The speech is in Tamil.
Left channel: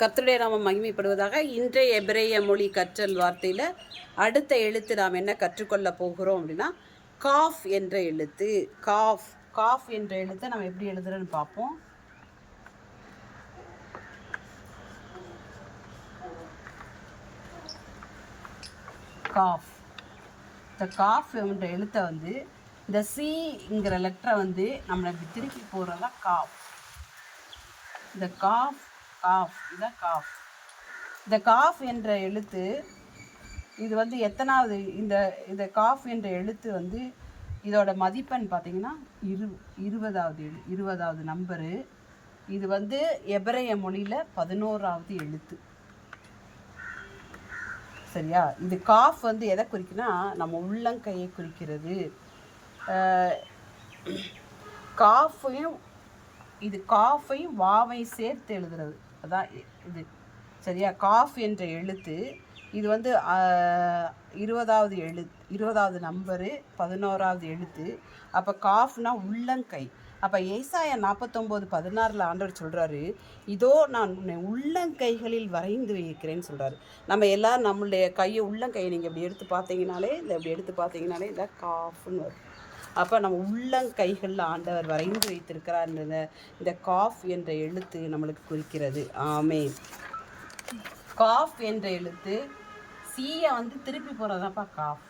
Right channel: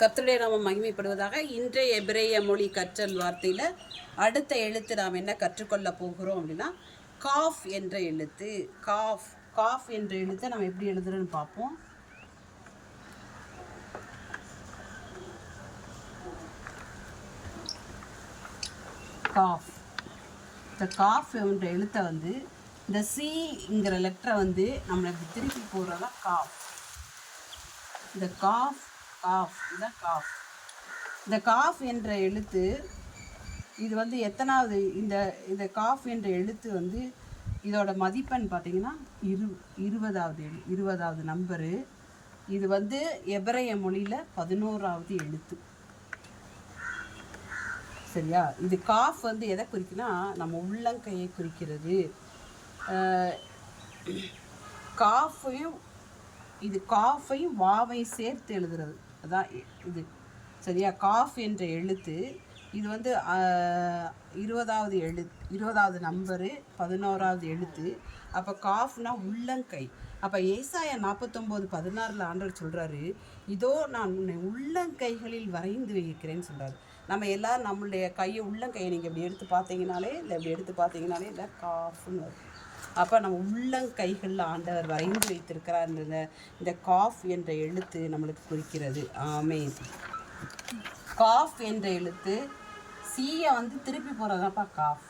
கர்த்தருடைய நாமம் மகிமைப்படுவதாக இன்றைய எபிரேய மொழி கற்றல் வார்த்தையில் அடுத்த எழுத்து நாம் என்ன கற்றுக்கொள்ள போகிறோம் அப்படின்னா காஃப் என்ற எழுத்து. காஃப் காஃப் என்ற எழுத்தை நம்ம எப்படி எழுதுறோன்னு பார்ப்போம். காஃப். இந்த காஃப் என்ற எழுத்தை வந்து இந்த சிங்கிற லெட்டரை வந்து நம்மளை திருப்பி போடுறதா காஃப். இந்த காஃப் காஃப் இதுதான் காஃப். இந்த காஃப் என்ற எழுத்து இது வந்து எத்தனாவது இந்த இந்த காஃப் என்ற எழுத்து வந்து இதோட மதிப்பெண் பார்த்தீங்கன்னா இரு இருபதாவது எழு இருபதாவது நம்பரு. இது வந்து எபரைய மொழியில் பதினோராவது எழுத்து. சரியா? இது காஃப் வந்து எதை குறிக்குன்னா நம்ம உள்ளங்கையை குறிக்கிறது. காஃபையும் இது காஃபையும் வாவையும் சேர்த்து எழுதுறது. அதான் இது சரியா? காஃப் என்ற எழுத்து இது வந்து இருபதாவது எழு இருபதாவது நம்பரு பதினோராவது எழுத்து. அப்போ காஃப்னா உள்ளங்கை. அப்போ ஏசாய நாற்பத்தொம்போது பதினாறில் ஆண்டவர் சொல்கிறாரு இதோ நான் உன்னை உள்ளங்கைகளில் வரைந்து வைக்கிறேன்னு சொல்கிறாரு நம்ம எல்லோரும் நம்மளுடைய கையை உள்ளங்கையை நீங்கள் இப்படி எடுத்து பார்த்தீங்கனாலே இல்லை இப்படி எடுத்து பார்த்தீங்கனாலே இந்த காஃப்னு வரும். அப்போ நம்ம உள்ளங்கைகளில் ஆண்டவர் வரைந்து வைத்திருக்கிறார் இந்த காஃப் என்ற எழுத்து நம்மளுக்கு குறிக்கிறது. ஆமே காஃப் என்ற எழுத்து சீயை வந்து திருப்பி போகிறதாப்பா காஃப்.